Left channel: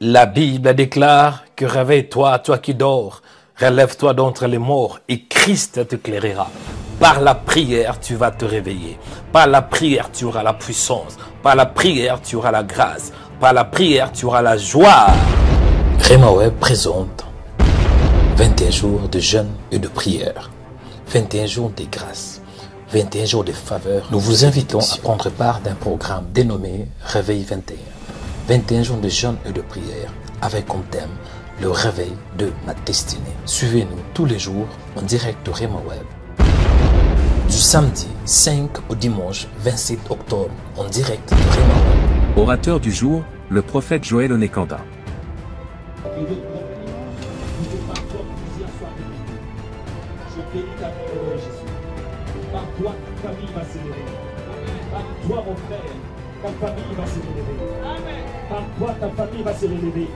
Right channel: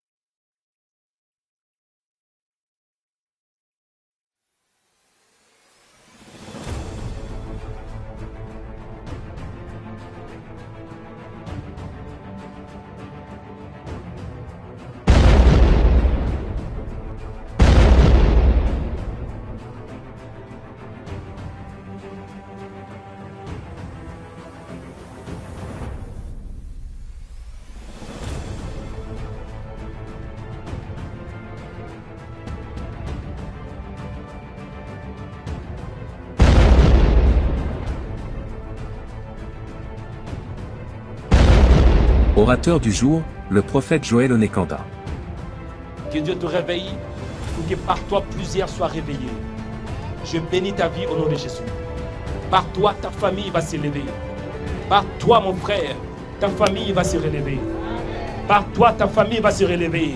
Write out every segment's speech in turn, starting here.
La Bible déclare que réveille-toi, toi qui dors, relève-toi d'entre les morts et Christ t'éclairera. Par la prière, tu vas te réveiller. Par la prière, tu auras la puissance. Par la prière, tu auras la grâce. Par la prière, tu auras la joie. Rema Web présente 21 jours de jeûne et de prière. 21 jours de grâce. 21 jours de faveur. Nous vous invitons à prendre part d'un programme dénommé Réveil 21. 21 jours de jeûne et de prière avec comme thème le réveil de ma destinée. Suivez-nous tous les jours en direct de Rema Web. Du samedi 5 au dimanche 27 octobre en direct de Rema Web. Orateur du jour, le prophète Joël Onekanda. Que Dieu te réveille pour que par toi plusieurs soient réveillés. Je bénis ta vie au nom de Jésus. Par toi, ta famille va s'élever. Par toi, mon frère, ta famille va se relever. Par toi, ta famille va se relever.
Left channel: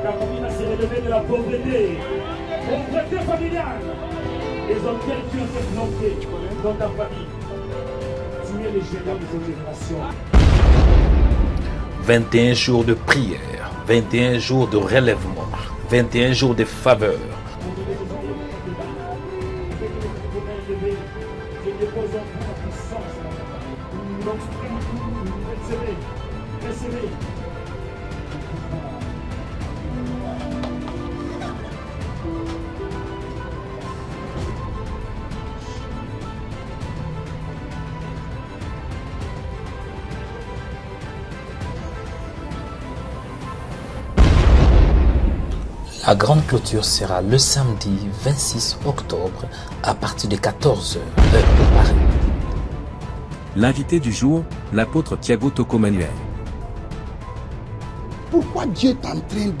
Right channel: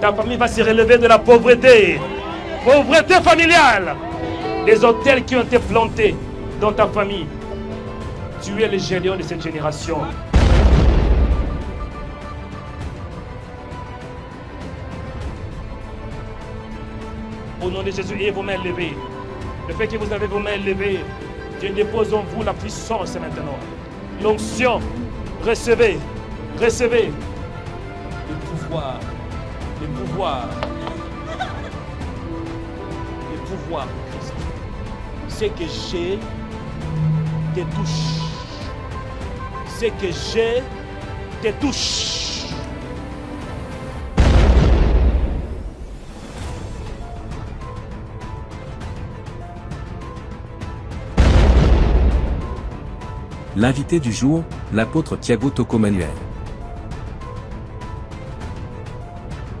Ta famille va se relever de la pauvreté. Pauvreté familiale. Des hôtels qui ont été plantés dans ta famille. Tu es le géant de cette génération. 21 jours de prière. 21 jours de relèvement. 21 jours de faveur. Au nom de Jésus, ayez vos mains levées. Le fait que vous avez vos mains levées, Dieu dépose en vous la puissance maintenant. L'onction, recevez, recevez. Le pouvoir, le pouvoir, le pouvoir. Ce que j'ai te touche. Ce que j'ai te touche. La grande clôture sera le samedi 26 octobre à partir de 14h. L'invité du jour, l'apôtre Thiago Toco-Manuel. Pourquoi Dieu est en train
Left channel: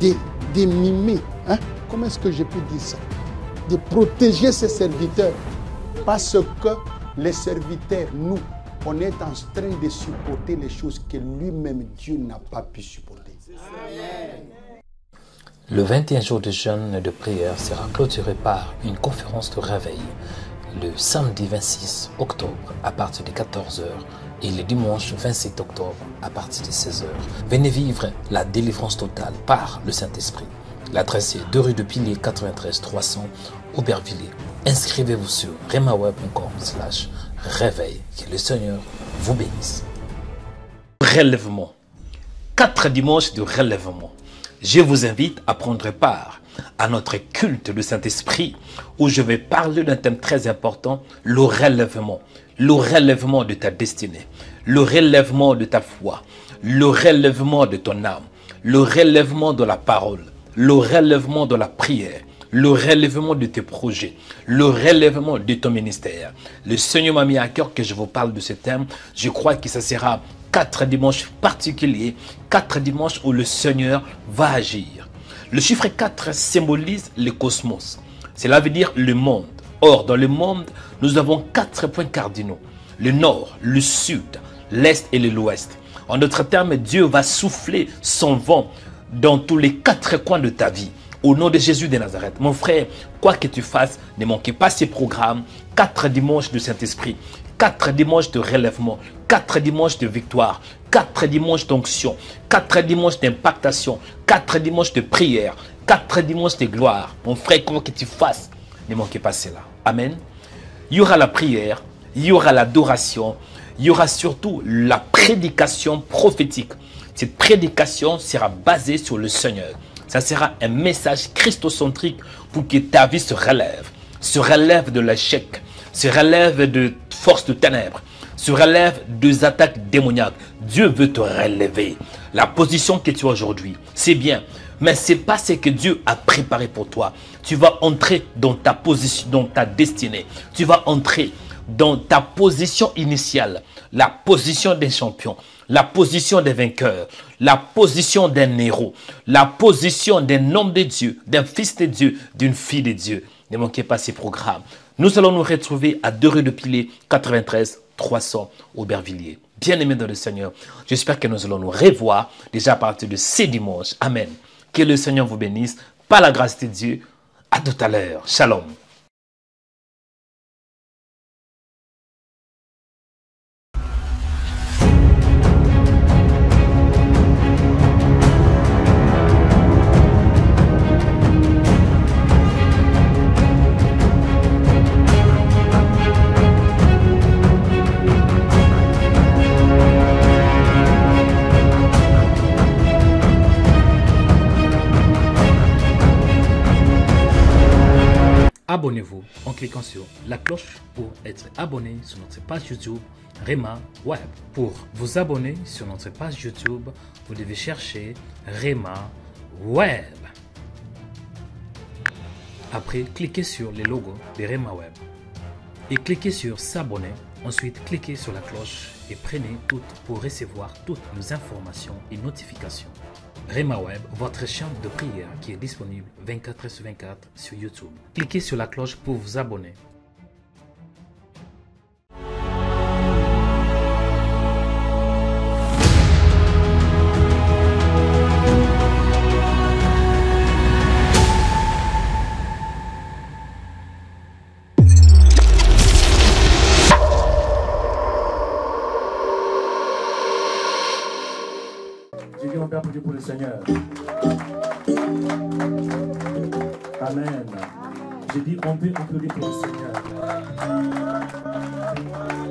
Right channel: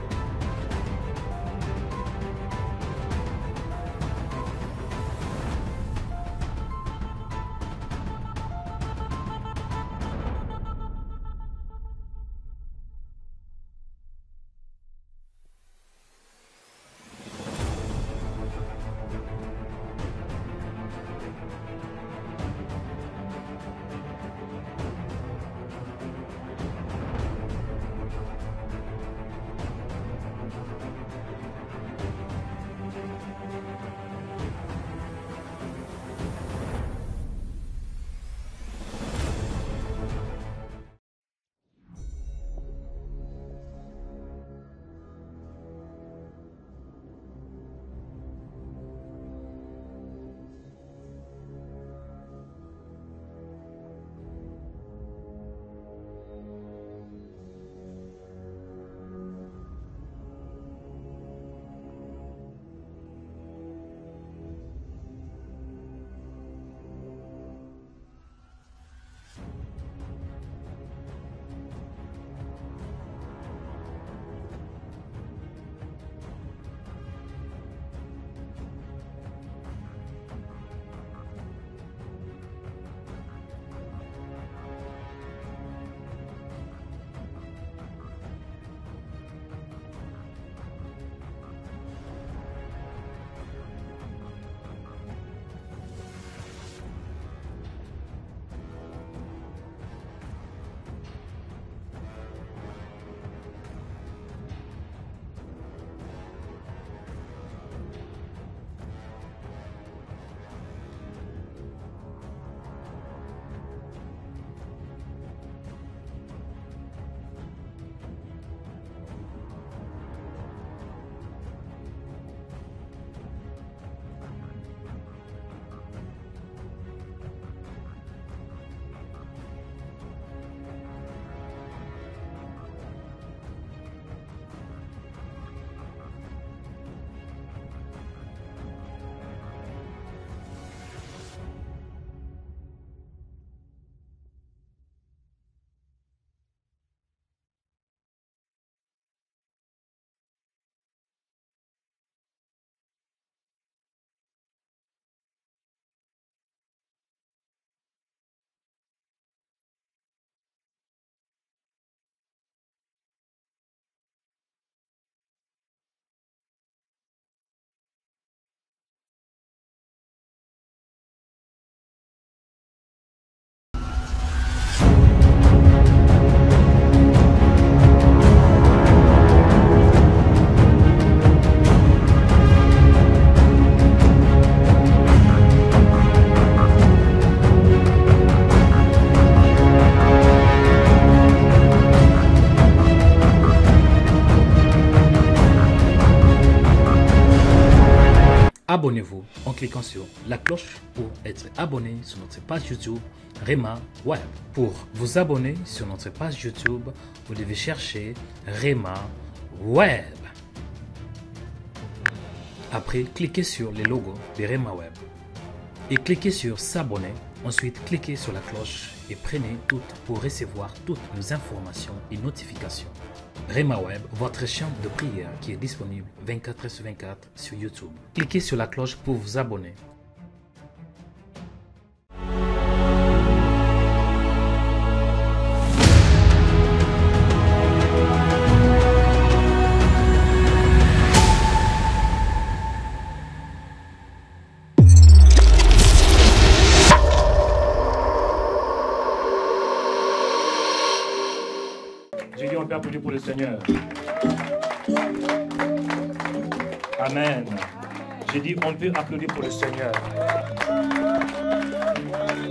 de mimer, hein? Comment est-ce que je peux dire ça? De protéger ses serviteurs. Parce que les serviteurs, nous, on est en train de supporter les choses que lui-même, Dieu n'a pas pu supporter. Le 21 jours de jeûne et de prière sera clôturé par une conférence de réveil le samedi 26 octobre à partir de 14h et le dimanche 27 octobre à partir de 16h. Venez vivre la délivrance totale par le Saint-Esprit. L'adresse est 2 rue de Pilier 93 300 Aubervilliers. Inscrivez-vous sur remaweb.com/réveil. Que le Seigneur vous bénisse. Relèvement. 4 dimanches de relèvement. Je vous invite à prendre part à notre culte du Saint-Esprit où je vais parler d'un thème très important, le relèvement. Le relèvement de ta destinée, le relèvement de ta foi, le relèvement de ton âme, le relèvement de la parole, le relèvement de la prière, le relèvement de tes projets, le relèvement de ton ministère. Le Seigneur m'a mis à cœur que je vous parle de ce thème. Je crois que ça sera 4 dimanches particuliers, 4 dimanches où le Seigneur va agir. Le chiffre 4 symbolise le cosmos. Cela veut dire le monde. Or, dans le monde, nous avons 4 points cardinaux. Le nord, le sud, l'est et l'ouest. En d'autres termes, Dieu va souffler son vent dans tous les 4 coins de ta vie. Au nom de Jésus de Nazareth, mon frère, quoi que tu fasses, ne manquez pas ces programmes. 4 dimanches de Saint-Esprit, 4 dimanches de relèvement, 4 dimanches de victoire, 4 dimanches d'onction, 4 dimanches d'impactation, 4 dimanches de prière, 4 dimanches de gloire. Mon frère, quoi que tu fasses, ne manquez pas cela. Amen. Il y aura la prière, il y aura l'adoration, il y aura surtout la prédication prophétique. Cette prédication sera basée sur le Seigneur. Ça sera un message christocentrique pour que ta vie se relève de l'échec, se relève de forces de ténèbres, se relève des attaques démoniaques. Dieu veut te relever. La position que tu as aujourd'hui, c'est bien, mais ce n'est pas ce que Dieu a préparé pour toi. Tu vas entrer dans ta position, dans ta destinée. Tu vas entrer dans ta position initiale, la position des champions, la position des vainqueurs, la position d'un héros, la position d'un homme de Dieu, d'un fils de Dieu, d'une fille de Dieu. Ne manquez pas ces programmes. Nous allons nous retrouver à 2 rue de Pilier 93 300 Aubervilliers. Bien-aimés dans le Seigneur, j'espère que nous allons nous revoir déjà à partir de ce dimanche. Amen. Que le Seigneur vous bénisse. Par la grâce de Dieu. À tout à l'heure. Shalom. Abonnez-vous en cliquant sur la cloche pour être abonné sur notre page YouTube Rema Web. Pour vous abonner sur notre page YouTube, vous devez chercher Rema Web. Après, cliquez sur le logo de Rema Web et cliquez sur s'abonner. Ensuite, cliquez sur la cloche et prenez toutes pour recevoir toutes nos informations et notifications. Rema Web, votre chaîne de prière qui est disponible 24/24 sur YouTube. Cliquez sur la cloche pour vous abonner. J'ai dit on peut applaudir pour le Seigneur. Amen. J'ai dit on peut applaudir pour le Seigneur.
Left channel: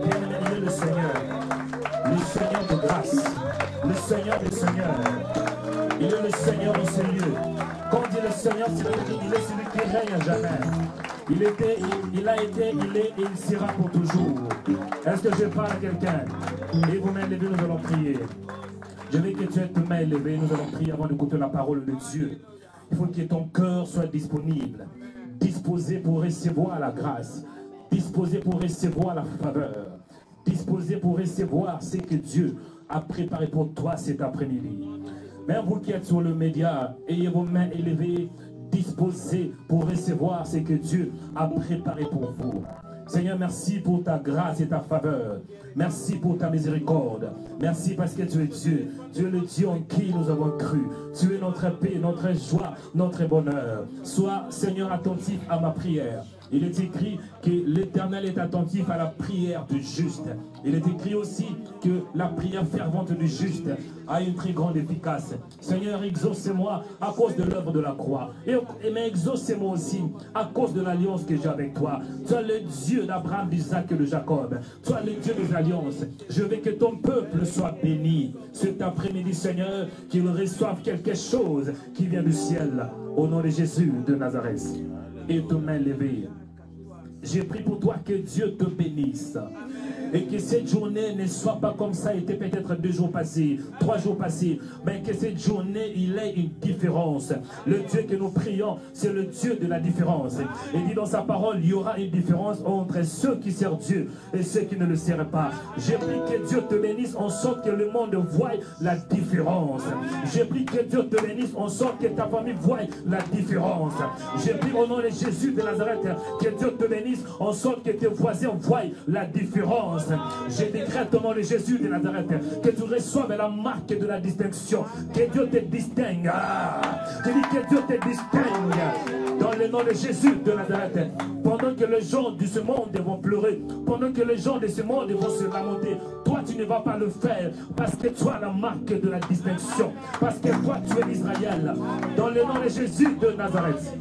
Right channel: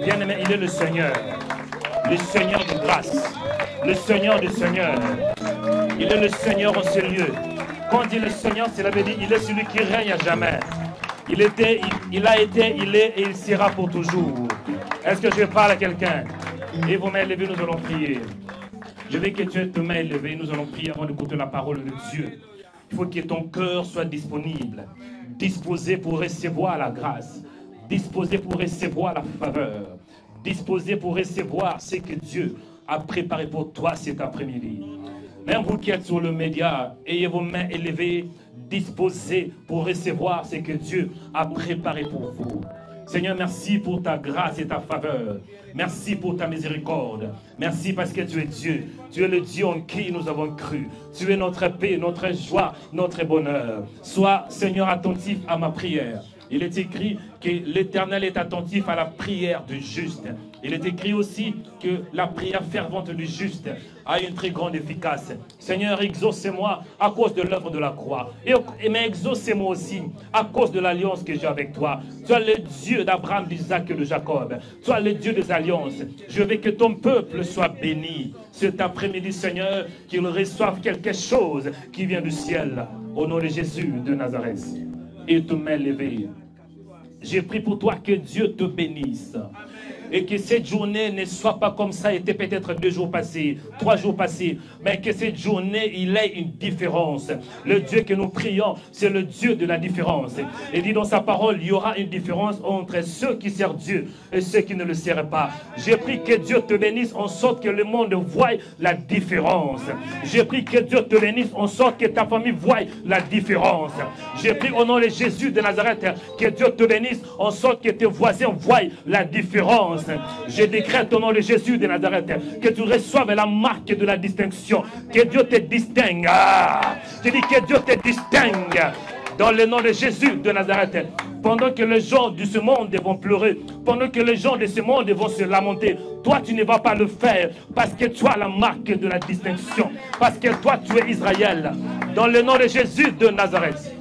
Bien-aimé, il est le Seigneur de grâce, le Seigneur des Seigneurs. Il est le Seigneur en ce lieu. Quand il est le Seigneur, cela veut dire il est celui qui règne à jamais. Il a été, il est et il sera pour toujours. Est-ce que je parle à quelqu'un? Et vos mains levées, nous allons prier. Je veux que tu aies tes mains élevées. Nous allons prier avant d'écouter la parole de Dieu. Il faut que ton cœur soit disponible, disposé pour recevoir la grâce, disposé pour recevoir la faveur, disposé pour recevoir ce que Dieu a préparé pour toi cet après-midi. Même vous qui êtes sur le média, ayez vos mains élevées, disposés pour recevoir ce que Dieu a préparé pour vous. Seigneur, merci pour ta grâce et ta faveur. Merci pour ta miséricorde. Merci parce que tu es Dieu. Tu es le Dieu en qui nous avons cru. Tu es notre paix, notre joie, notre bonheur. Sois, Seigneur, attentif à ma prière. Il est écrit que l'Éternel est attentif à la prière du juste. Il est écrit aussi que la prière fervente du juste a une très grande efficace. Seigneur, exaucez-moi à cause de l'œuvre de la croix. Mais exaucez-moi aussi à cause de l'alliance que j'ai avec toi. Tu es le Dieu d'Abraham, d'Isaac et de Jacob. Tu es le Dieu des alliances. Je veux que ton peuple soit béni. Cet après-midi, Seigneur, qu'il reçoive quelque chose qui vient du ciel. Au nom de Jésus de Nazareth. Et tes mains levées. J'ai pris pour toi que Dieu te bénisse. Et que cette journée ne soit pas comme ça était peut-être 2 jours passés, 3 jours passés, mais que cette journée, il ait une différence. Le Dieu que nous prions, c'est le Dieu de la différence. Et dit dans sa parole, il y aura une différence entre ceux qui servent Dieu et ceux qui ne le servent pas. J'ai pris que Dieu te bénisse en sorte que le monde voie la différence. J'ai pris que Dieu te bénisse en sorte que ta famille voie la différence. J'ai pris au nom de Jésus de Nazareth que Dieu te bénisse en sorte que tes voisins voient la différence. Je décrète au nom de Jésus de Nazareth que tu reçoives la marque de la distinction. Que Dieu te distingue. Je dis que Dieu te distingue. Dans le nom de Jésus de Nazareth. Pendant que les gens de ce monde vont pleurer, pendant que les gens de ce monde vont se lamenter, toi tu ne vas pas le faire parce que tu as la marque de la distinction. Parce que toi tu es Israël. Dans le nom de Jésus de Nazareth.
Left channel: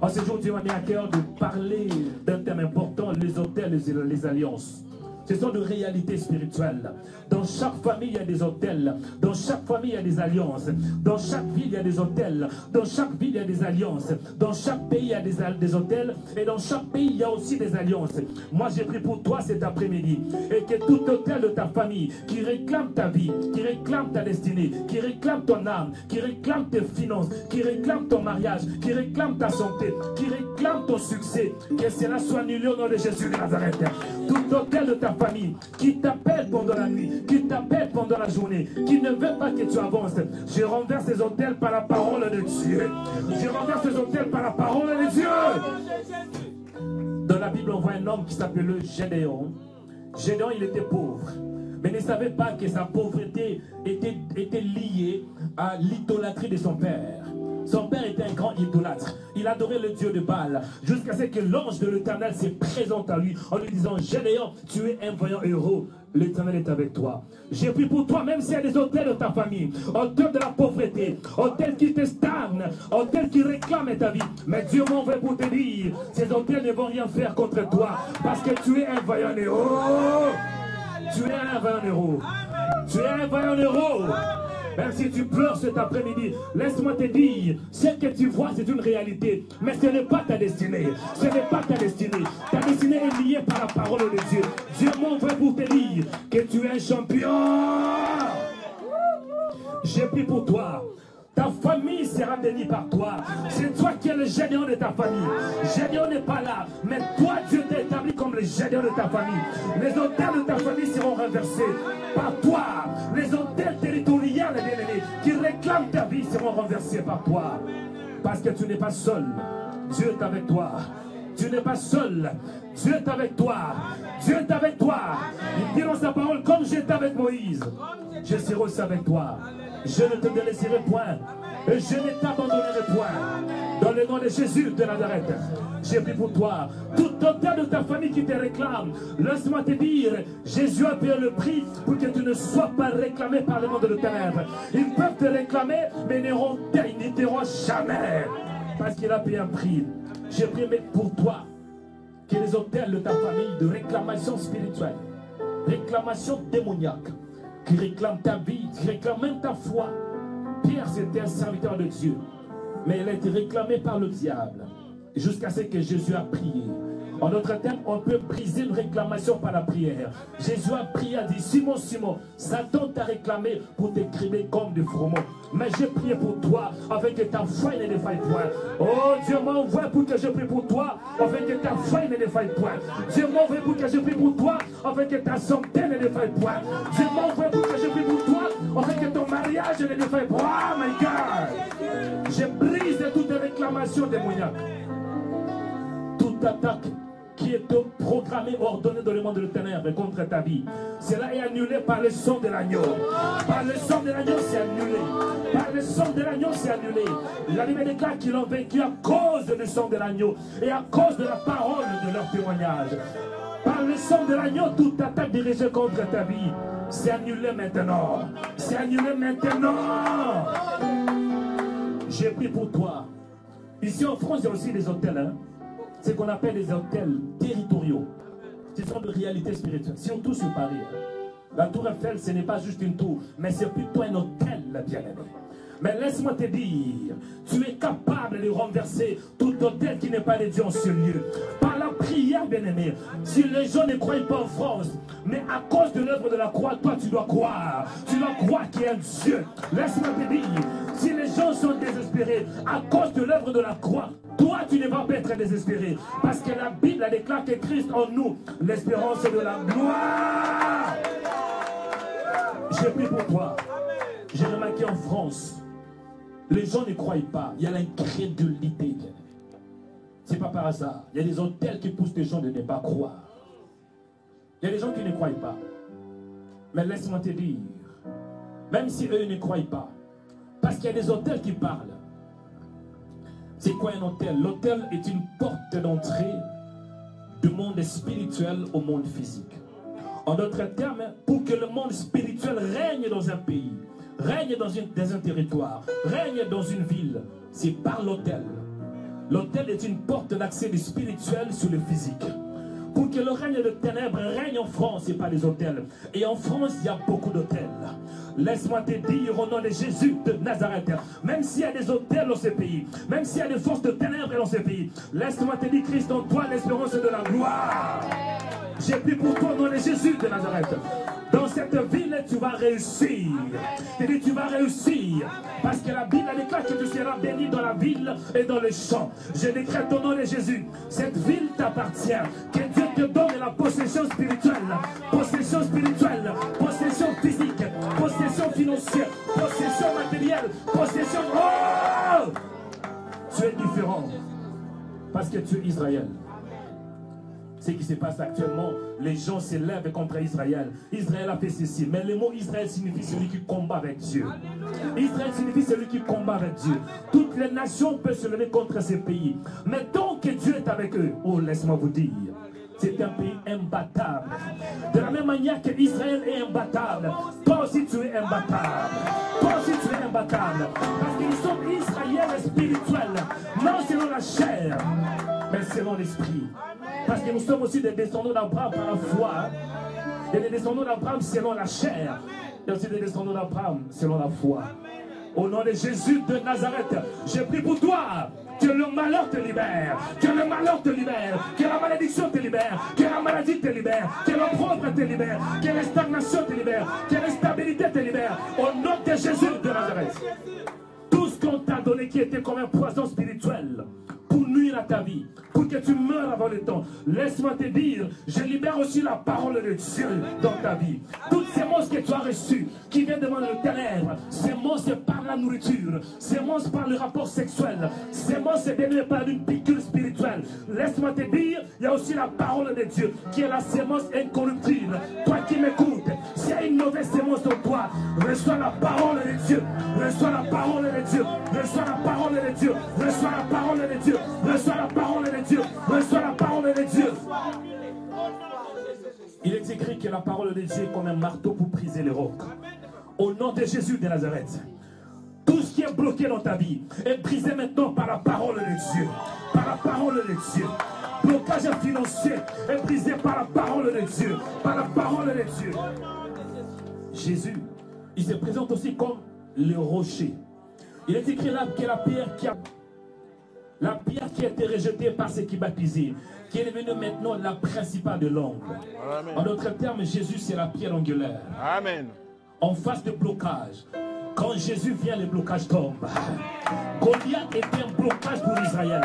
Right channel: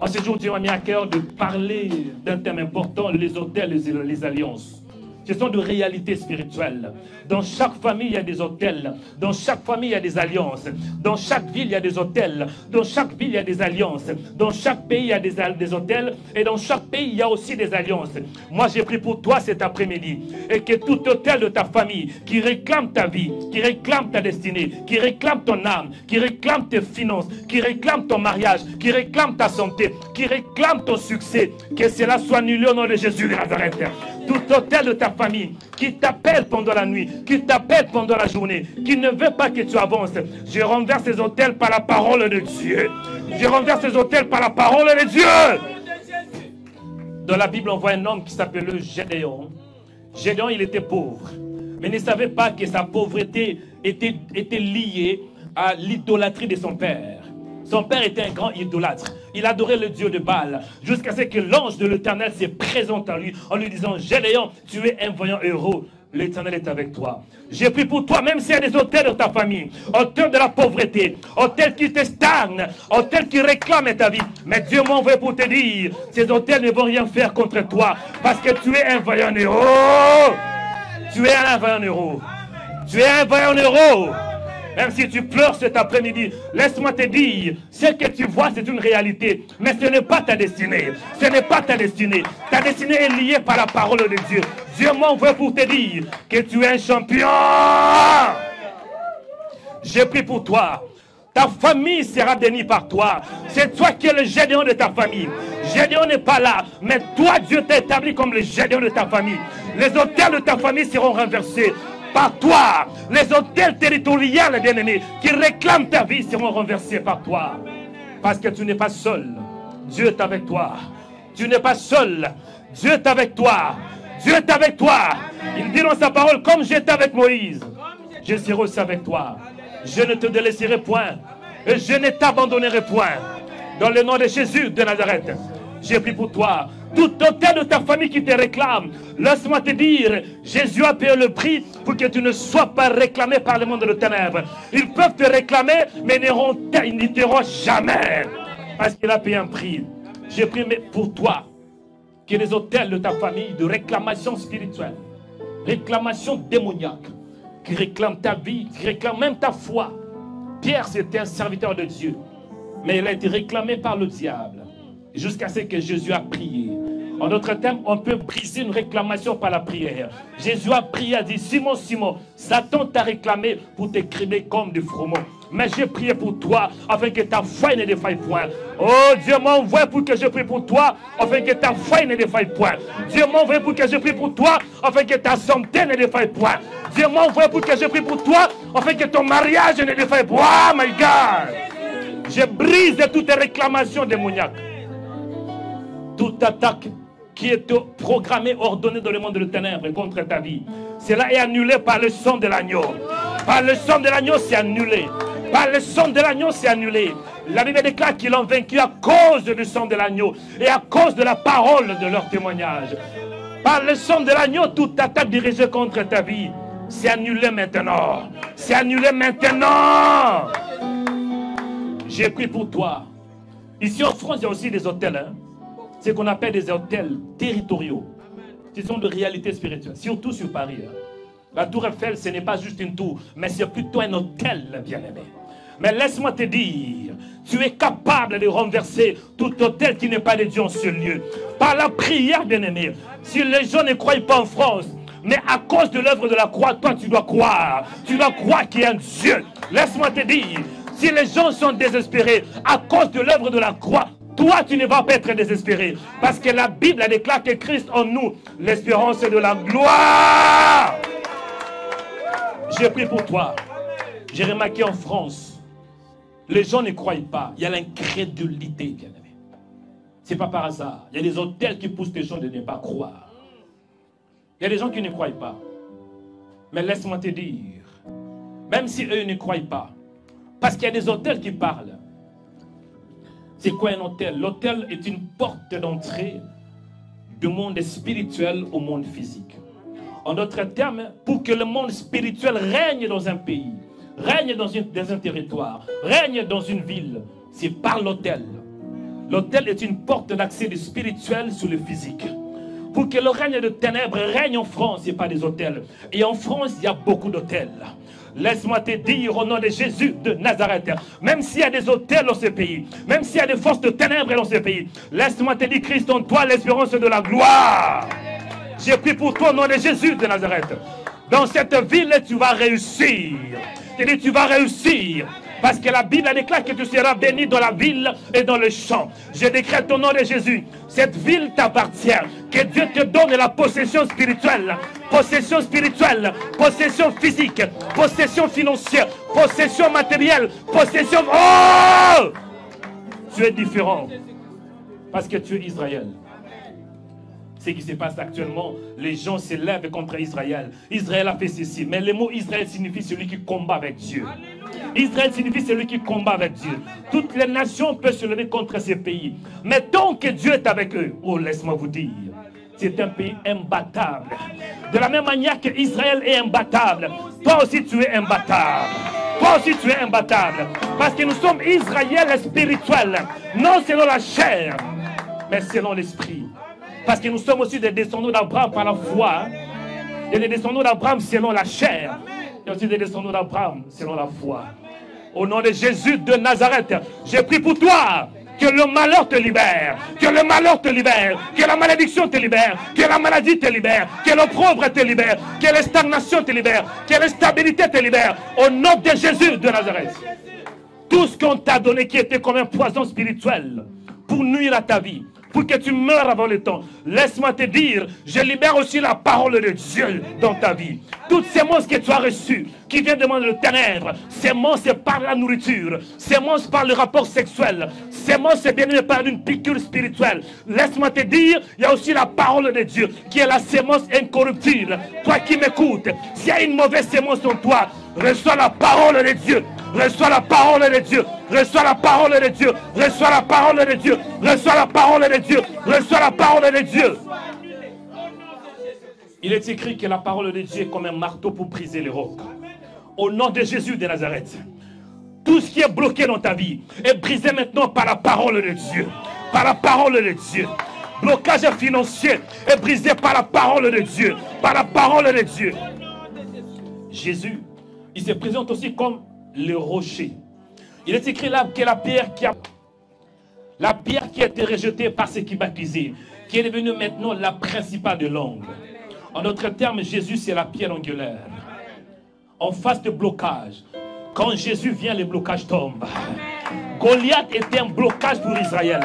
En ce jour, tu m'as mis à cœur de parler d'un thème important, les autels et les alliances. Ce sont de réalités spirituelles. Dans chaque famille, il y a des autels. Dans chaque famille, il y a des alliances. Dans chaque ville, il y a des autels. Dans chaque ville, il y a des alliances. Dans chaque pays, il y a des autels. Et dans chaque pays, il y a aussi des alliances. Moi, j'ai pris pour toi cet après-midi. Et que tout autel de ta famille qui réclame ta vie, qui réclame ta destinée, qui réclame ton âme, qui réclame tes finances, qui réclame ton mariage, qui réclame ta santé, qui réclame ton succès, que cela soit annulé au nom de Jésus de Nazareth. Tout autel de ta famille qui t'appelle pendant la nuit, qui t'appelle pendant la journée, qui ne veut pas que tu avances, je renverse ces autels par la parole de Dieu. Je renverse ces autels par la parole de Dieu. Dans la Bible, on voit un homme qui s'appelait Gédéon. Gédéon, il était pauvre, mais ne savait pas que sa pauvreté était liée à l'idolâtrie de son père. Son père était un grand idolâtre. Il adorait le Dieu de Baal. Jusqu'à ce que l'ange de l'Éternel se présente à lui en lui disant: Gédéon, tu es un vaillant héros. L'Éternel est avec toi. J'ai pris pour toi, même s'il y a des autels de ta famille, autels de la pauvreté, autels qui te stagnent, autels qui réclament ta vie. Mais Dieu m'a envoyé pour te dire, ces autels ne vont rien faire contre toi, parce que tu es un vaillant héros. Tu es un vaillant héros. Tu es un vaillant héros. Même si tu pleures cet après-midi, laisse-moi te dire, ce que tu vois, c'est une réalité. Mais ce n'est pas ta destinée. Ce n'est pas ta destinée. Ta destinée est liée par la parole de Dieu. Dieu m'envoie pour te dire que tu es un champion. J'ai pris pour toi. Ta famille sera bénie par toi. C'est toi qui es le Gédéon de ta famille. Gédéon n'est pas là, mais toi, Dieu t'a établi comme le Gédéon de ta famille. Les autels de ta famille seront renversés par toi. Les autels territoriaux, bien-aimés, qui réclament ta vie seront renversés par toi. Parce que tu n'es pas seul. Dieu est avec toi. Tu n'es pas seul. Dieu est avec toi. Dieu est avec toi. Il dit dans sa parole, comme j'étais avec Moïse, je serai aussi avec toi. Je ne te délaisserai point. Et je ne t'abandonnerai point. Dans le nom de Jésus de Nazareth, j'ai pris pour toi tout autel de ta famille qui te réclame. Laisse-moi te dire, Jésus a payé le prix pour que tu ne sois pas réclamé par le monde de ténèbres. Ils peuvent te réclamer, mais ils n'y t'auront jamais. Parce qu'il a payé un prix. J'ai pris pour toi que les autels de ta famille de réclamation spirituelle, réclamation démoniaque, qui réclame ta vie, qui réclame même ta foi. Pierre, c'était un serviteur de Dieu, mais il a été réclamé par le diable jusqu'à ce que Jésus a prié. En d'autres termes, on peut briser une réclamation par la prière. Jésus a prié, a dit, Simon, Simon, Satan t'a réclamé pour t'écrimer comme du froment. Mais j'ai prié pour toi, afin que ta foi ne défaille point. Oh, Dieu m'envoie pour que je prie pour toi, afin que ta foi ne défaille point. Dieu m'envoie pour que je prie pour toi, afin que ta santé ne défaille point. Dieu m'envoie pour que je prie pour toi, afin que ton mariage ne défaille point. Oh my God! Je brise toutes les réclamations démoniaques. Toute attaque qui est programmée, ordonnée dans le monde de ténèbres contre ta vie, cela est annulé par le sang de l'agneau. Par le sang de l'agneau, c'est annulé. Par le sang de l'agneau, c'est annulé. La Bible déclare qu'ils l'ont vaincu à cause du sang de l'agneau et à cause de la parole de leur témoignage. Par le sang de l'agneau, toute attaque dirigée contre ta vie, c'est annulé maintenant. C'est annulé maintenant. J'ai pris pour toi. Ici en France, il y a aussi des hôtels. Hein? Ce qu'on appelle des hôtels territoriaux, qui sont de réalité spirituelle, surtout sur Paris. La tour Eiffel, ce n'est pas juste une tour, mais c'est plutôt un hôtel, bien-aimé. Mais laisse-moi te dire, tu es capable de renverser tout hôtel qui n'est pas de Dieu en ce lieu. Par la prière, bien-aimé. Si les gens ne croient pas en France, mais à cause de l'œuvre de la croix, toi tu dois croire. Tu dois croire qu'il y a un Dieu. Laisse-moi te dire, si les gens sont désespérés à cause de l'œuvre de la croix, toi, tu ne vas pas être désespéré. Parce que la Bible déclare que Christ en nous, l'espérance de la gloire. J'ai pris pour toi. J'ai remarqué en France, les gens ne croient pas. Il y a l'incrédulité, bien-aimé. Ce n'est pas par hasard. Il y a des hôtels qui poussent les gens de ne pas croire. Il y a des gens qui ne croient pas. Mais laisse-moi te dire, même si eux ne croient pas, parce qu'il y a des hôtels qui parlent. C'est quoi un hôtel? L'hôtel est une porte d'entrée du monde spirituel au monde physique. En d'autres termes, pour que le monde spirituel règne dans un pays, règne dans un territoire, règne dans une ville, c'est par l'hôtel. L'hôtel est une porte d'accès du spirituel sur le physique. Pour que le règne de ténèbres règne en France, il n'y a pas des hôtels. Et en France, il y a beaucoup d'hôtels. Laisse-moi te dire au nom de Jésus de Nazareth, même s'il y a des hôtels dans ce pays, même s'il y a des forces de ténèbres dans ce pays, laisse-moi te dire, Christ en toi, l'espérance de la gloire. J'ai pris pour toi au nom de Jésus de Nazareth. Dans cette ville, tu vas réussir. Je dis, tu vas réussir. Parce que la Bible déclare que tu seras béni dans la ville et dans le champ. Je décrète au nom de Jésus. Cette ville t'appartient. Que Dieu te donne la possession spirituelle, possession physique, possession financière, possession matérielle, possession... Oh! Tu es différent. Parce que tu es Israël. Ce qui se passe actuellement, les gens s'élèvent contre Israël. Israël a fait ceci. Mais le mot Israël signifie celui qui combat avec Dieu. Israël signifie celui qui combat avec Dieu. Toutes les nations peuvent se lever contre ces pays. Mais tant que Dieu est avec eux, oh, laisse-moi vous dire, c'est un pays imbattable. De la même manière que Israël est imbattable, toi aussi tu es imbattable. Toi aussi tu es imbattable. Parce que nous sommes Israël spirituel. Non selon la chair, mais selon l'esprit. Parce que nous sommes aussi des descendants d'Abraham par la foi. Et des descendants d'Abraham selon la chair. et aussi des descendants d'Abraham selon la foi. Au nom de Jésus de Nazareth, j'ai pris pour toi que le malheur te libère, que le malheur te libère, que la malédiction te libère, que la maladie te libère, que l'opprobre te libère, que la stagnation te libère, que l'instabilité te libère. Au nom de Jésus de Nazareth. Tout ce qu'on t'a donné qui était comme un poison spirituel pour nuire à ta vie, pour que tu meurs avant le temps. Laisse-moi te dire, je libère aussi la parole de Dieu dans ta vie. Toutes ces monstres que tu as reçues, qui viennent de le ténèbre, ces monstres par la nourriture, ces monstres par le rapport sexuel, ces monstres bien par une piqûre spirituelle. Laisse-moi te dire, il y a aussi la parole de Dieu, qui est la sémence incorruptible. Toi qui m'écoutes, s'il y a une mauvaise sémence en toi, reçois la parole de Dieu. Reçois la parole de Dieu. Reçois la parole de Dieu. Reçois la parole de Dieu. Reçois la parole de Dieu. Reçois la parole de Dieu. Il est écrit que la parole de Dieu est comme un marteau pour briser les rocs. Au nom de Jésus de Nazareth, tout ce qui est bloqué dans ta vie est brisé maintenant par la parole de Dieu. Par la parole de Dieu. Blocage financier est brisé par la parole de Dieu. Par la parole de Dieu. Jésus, il se présente aussi comme le rocher. Il est écrit là que la pierre qui a été rejetée par ceux qui baptisaient, qui est devenue maintenant la principale de l'angle. En d'autres termes, Jésus c'est la pierre angulaire. Amen. En face de blocage, quand Jésus vient, le blocage tombe. Goliath était un blocage pour Israël.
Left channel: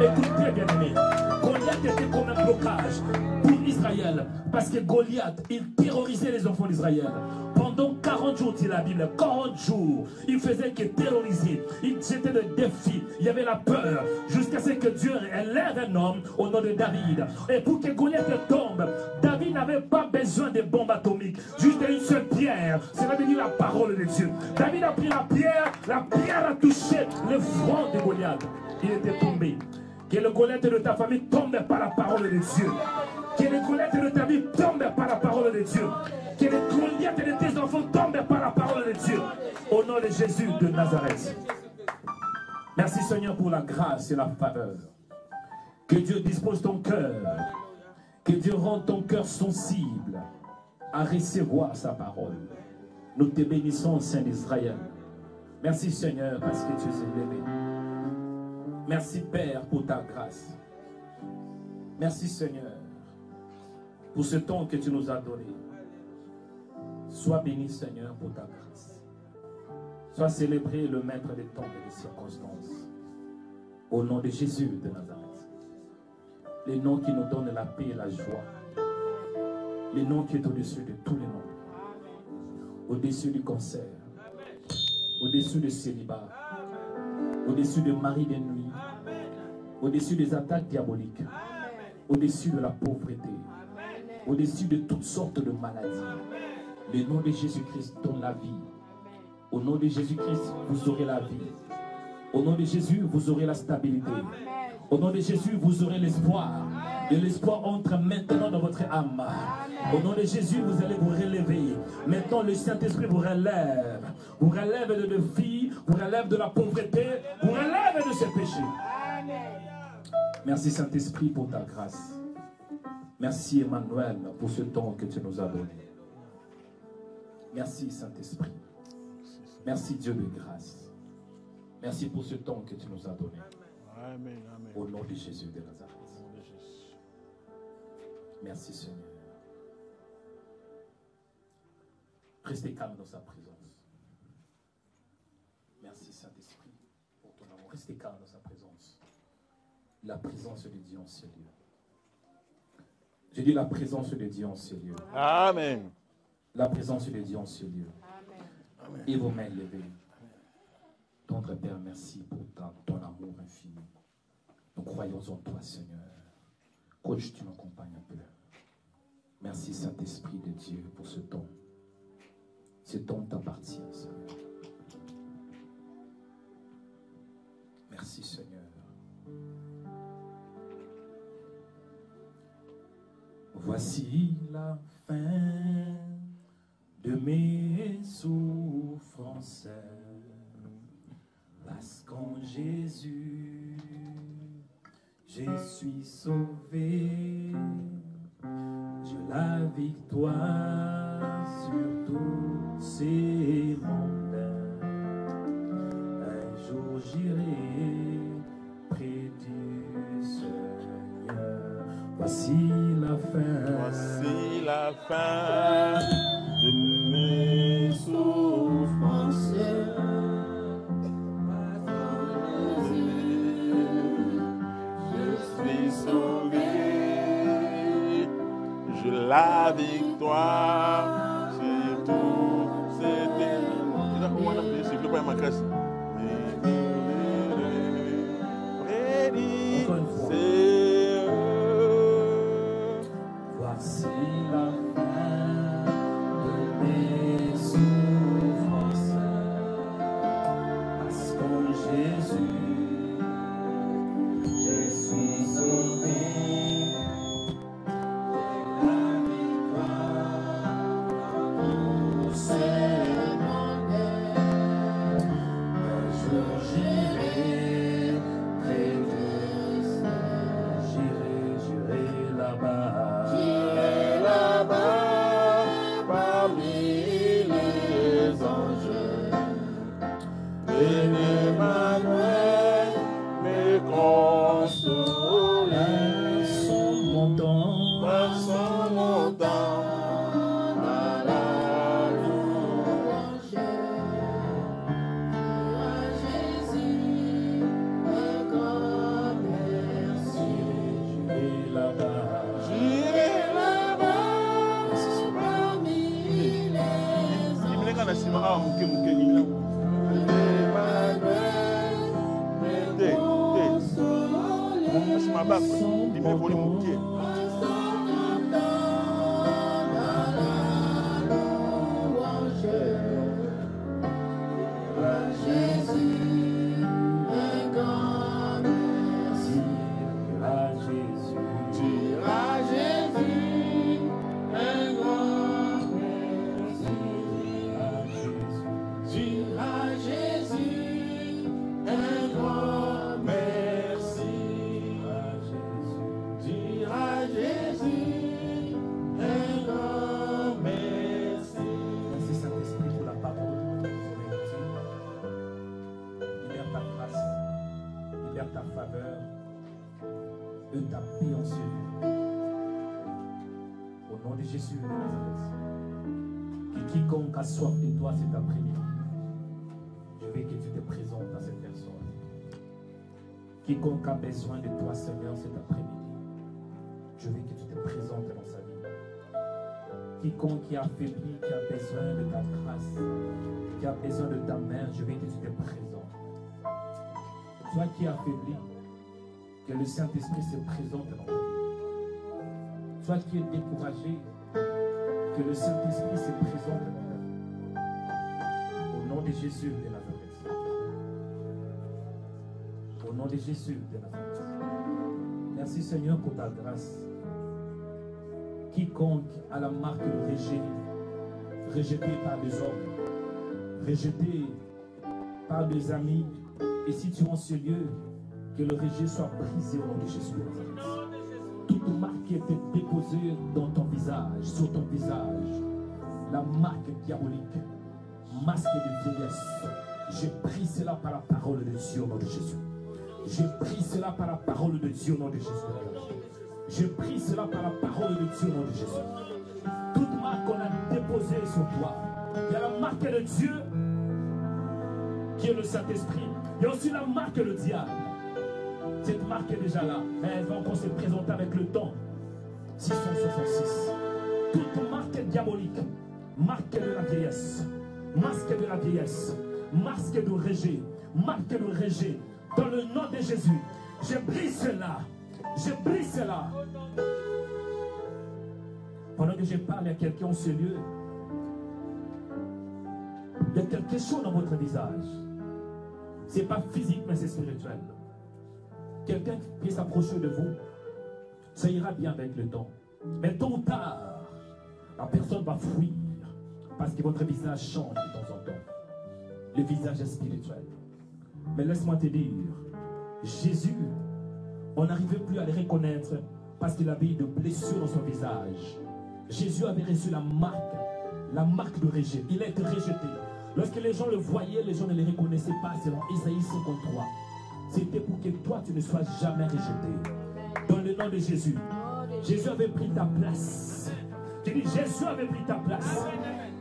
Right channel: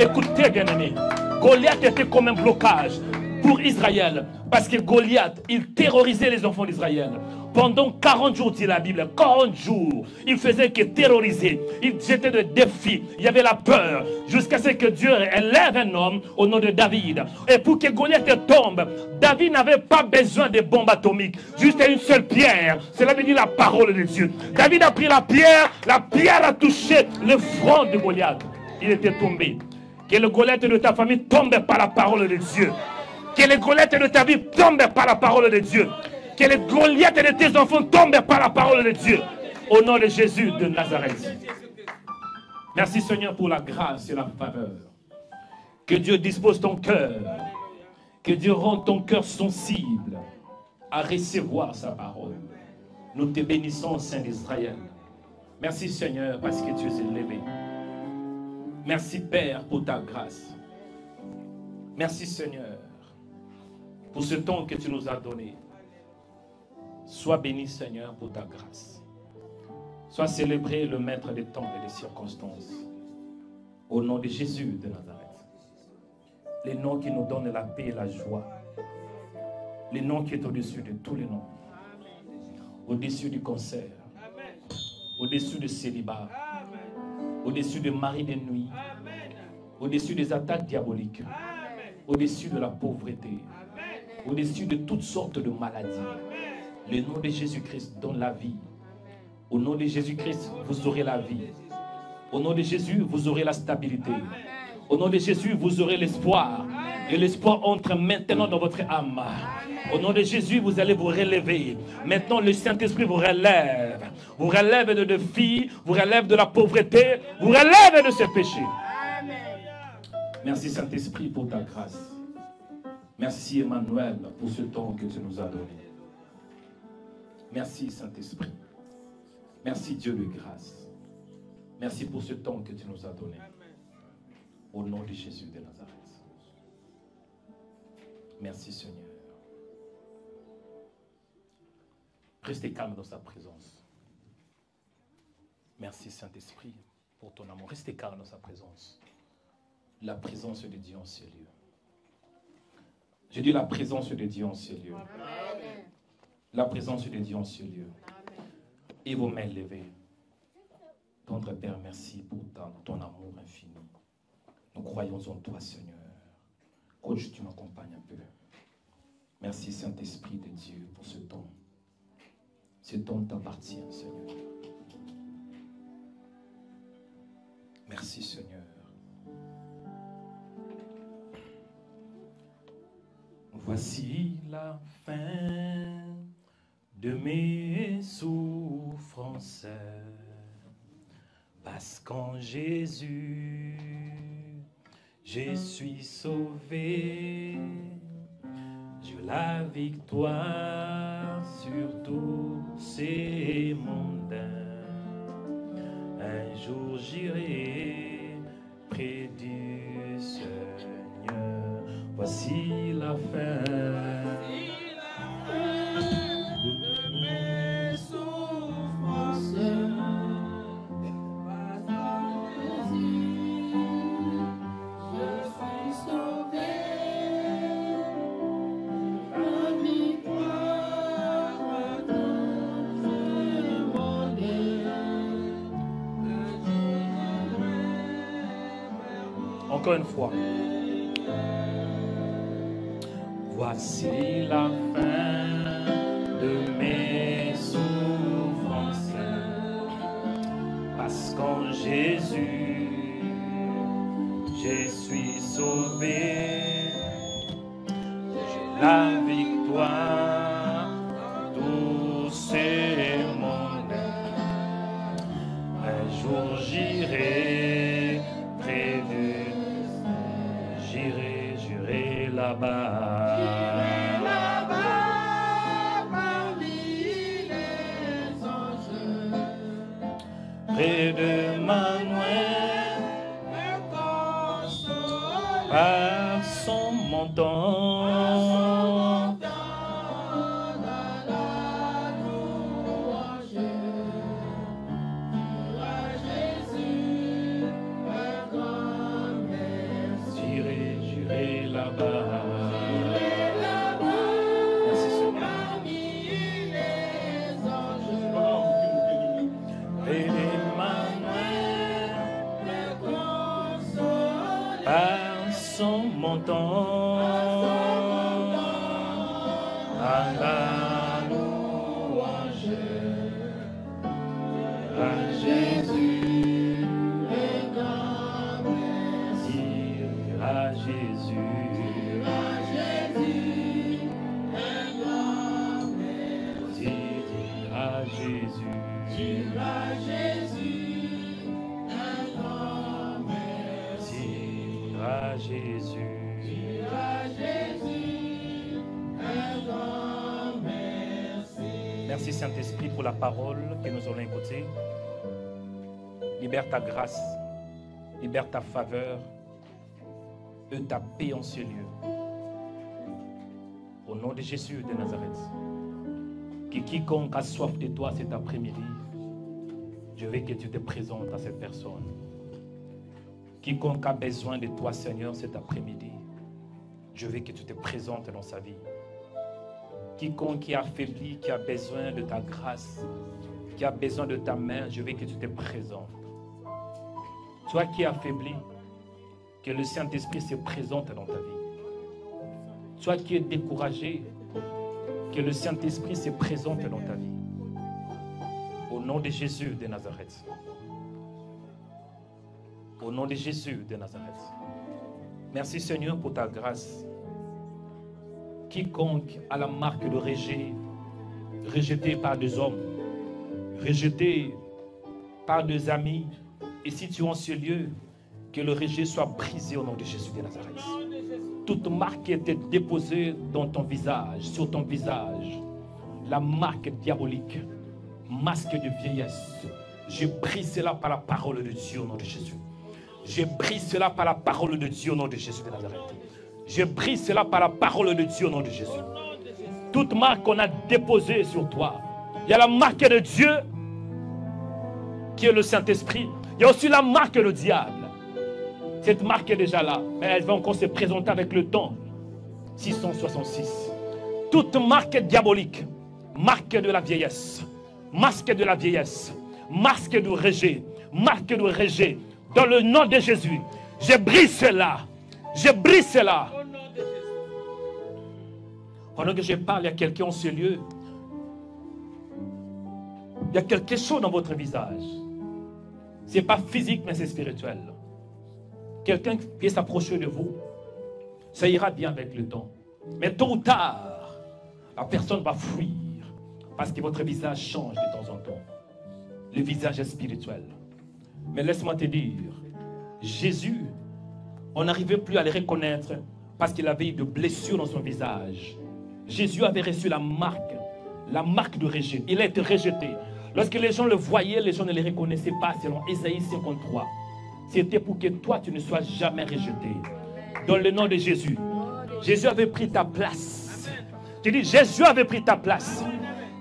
Écoutez bien aimé, Goliath était comme un blocage pour Israël, parce que Goliath, il terrorisait les enfants d'Israël. Pendant 40 jours, dit la Bible, 40 jours, il faisait que terroriser. Il jetait des défis. Il y avait la peur. Jusqu'à ce que Dieu élève un homme au nom de David. Et pour que Goliath tombe, David n'avait pas besoin de bombes atomiques. Juste une seule pierre. Cela veut dire la parole de Dieu. David a pris la pierre a touché le front de Goliath. Il était tombé. Que le Goliath de ta famille tombe par la parole de Dieu. Que le Goliath de ta vie tombe par la parole de Dieu. Que les Goliath de tes enfants tombent par la parole de Dieu. Au nom de Jésus de Nazareth. Merci Seigneur pour la grâce et la faveur. Que Dieu dispose ton cœur. Que Dieu rende ton cœur sensible à recevoir sa parole. Nous te bénissons, Saint d'Israël. Merci Seigneur parce que tu es élevé. Merci Père pour ta grâce. Merci Seigneur pour ce temps que tu nous as donné. Sois béni, Seigneur, pour ta grâce. Sois célébré le maître des temps et des circonstances. Au nom de Jésus de Nazareth. Les noms qui nous donnent la paix et la joie. Les noms qui est au-dessus de tous les noms. Au-dessus du cancer. Au-dessus du célibat. Au-dessus de mari de nuit. Au-dessus des attaques diaboliques. Au-dessus de la pauvreté. Au-dessus de toutes sortes de maladies. Le nom de Jésus-Christ donne la vie. Au nom de Jésus-Christ, vous aurez la vie. Au nom de Jésus, vous aurez la stabilité. Au nom de Jésus, vous aurez l'espoir. Et l'espoir entre maintenant dans votre âme. Au nom de Jésus, vous allez vous relever. Maintenant, le Saint-Esprit vous relève. Vous relève de défis, vous relève de la pauvreté, vous relève de ce péché. Merci Saint-Esprit pour ta grâce. Merci Emmanuel pour ce temps que tu nous as donné. Merci Saint-Esprit. Merci Dieu de grâce. Merci pour ce temps que tu nous as donné. Au nom de Jésus de Nazareth. Merci Seigneur. Restez calme dans sa présence. Merci Saint-Esprit pour ton amour. Restez calme dans sa présence. La présence de Dieu en ce lieu. Je dis la présence de Dieu en ce lieu. Amen. La présence de Dieu en ce lieu. Et vos mains levées. Tendre Père, merci pour ton amour infini. Nous croyons en toi, Seigneur. Coach, tu m'accompagnes un peu. Merci, Saint-Esprit de Dieu, pour ce temps. Ce temps t'appartient, Seigneur. Merci, Seigneur. Voici la fin de mes souffrances, parce qu'en Jésus, je suis sauvé. J'ai la victoire sur tous ces mondains. Un jour j'irai près du Seigneur. Voici la fin. Voici la fin de mes souffrances. La victoire, c'est tout, c'est encore une fois. Voici la fin de mes souffrances, parce qu'en Jésus, je suis sauvé. La victoire, tous ces moments. Un jour j'irai près de, j'irai là-bas. J'irai là-bas parmi les anges. Près de Manuel, me console à son montant. Libère ta grâce, libère ta faveur et ta paix en ce lieu. Au nom de Jésus de Nazareth, que quiconque a soif de toi cet après-midi, je veux que tu te présentes à cette personne. Quiconque a besoin de toi, Seigneur, cet après-midi, je veux que tu te présentes dans sa vie. Quiconque est affaibli, qui a besoin de ta grâce, qui a besoin de ta main, je veux que tu te présentes. Toi qui es affaibli, que le Saint-Esprit se présente dans ta vie. Toi qui es découragé, que le Saint-Esprit se présente dans ta vie. Au nom de Jésus de Nazareth. Au nom de Jésus de Nazareth. Merci Seigneur pour ta grâce. Quiconque a la marque de rejet, rejeté par des hommes, rejeté par des amis, et si tu es en ce lieu, que le rejet soit brisé au nom de Jésus de Nazareth. Toute marque qui était déposée dans ton visage, sur ton visage, la marque diabolique, masque de vieillesse, je brise cela par la parole de Dieu au nom de Jésus. Je brise cela par la parole de Dieu au nom de Jésus de Nazareth. Je brise cela par la parole de Dieu au nom de Jésus. Toute marque qu'on a déposée sur toi, il y a la marque de Dieu qui est le Saint-Esprit. Il y a aussi la marque du diable. Cette marque est déjà là, mais elle va encore se présenter avec le temps. 666. Toute marque diabolique, marque de la vieillesse, masque de la vieillesse, masque du rejet, marque du rejet, dans le nom de Jésus, je brise cela. Je brise cela. Pendant que je parle, il y a quelqu'un en ce lieu. Il y a quelque chose dans votre visage. Ce n'est pas physique, mais c'est spirituel. Quelqu'un qui vient s'approcher de vous, ça ira bien avec le temps. Mais tôt ou tard, la personne va fuir parce que votre visage change de temps en temps. Le visage est spirituel. Mais laisse-moi te dire, Jésus, on n'arrivait plus à le reconnaître parce qu'il avait eu de blessures dans son visage. Jésus avait reçu la marque La marque de rejet. Il a été rejeté. Lorsque les gens le voyaient, les gens ne les reconnaissaient pas selon Ésaïe 53. C'était pour que toi, tu ne sois jamais rejeté. Dans le nom de Jésus. Jésus avait pris ta place. Tu dis, Jésus avait pris ta place.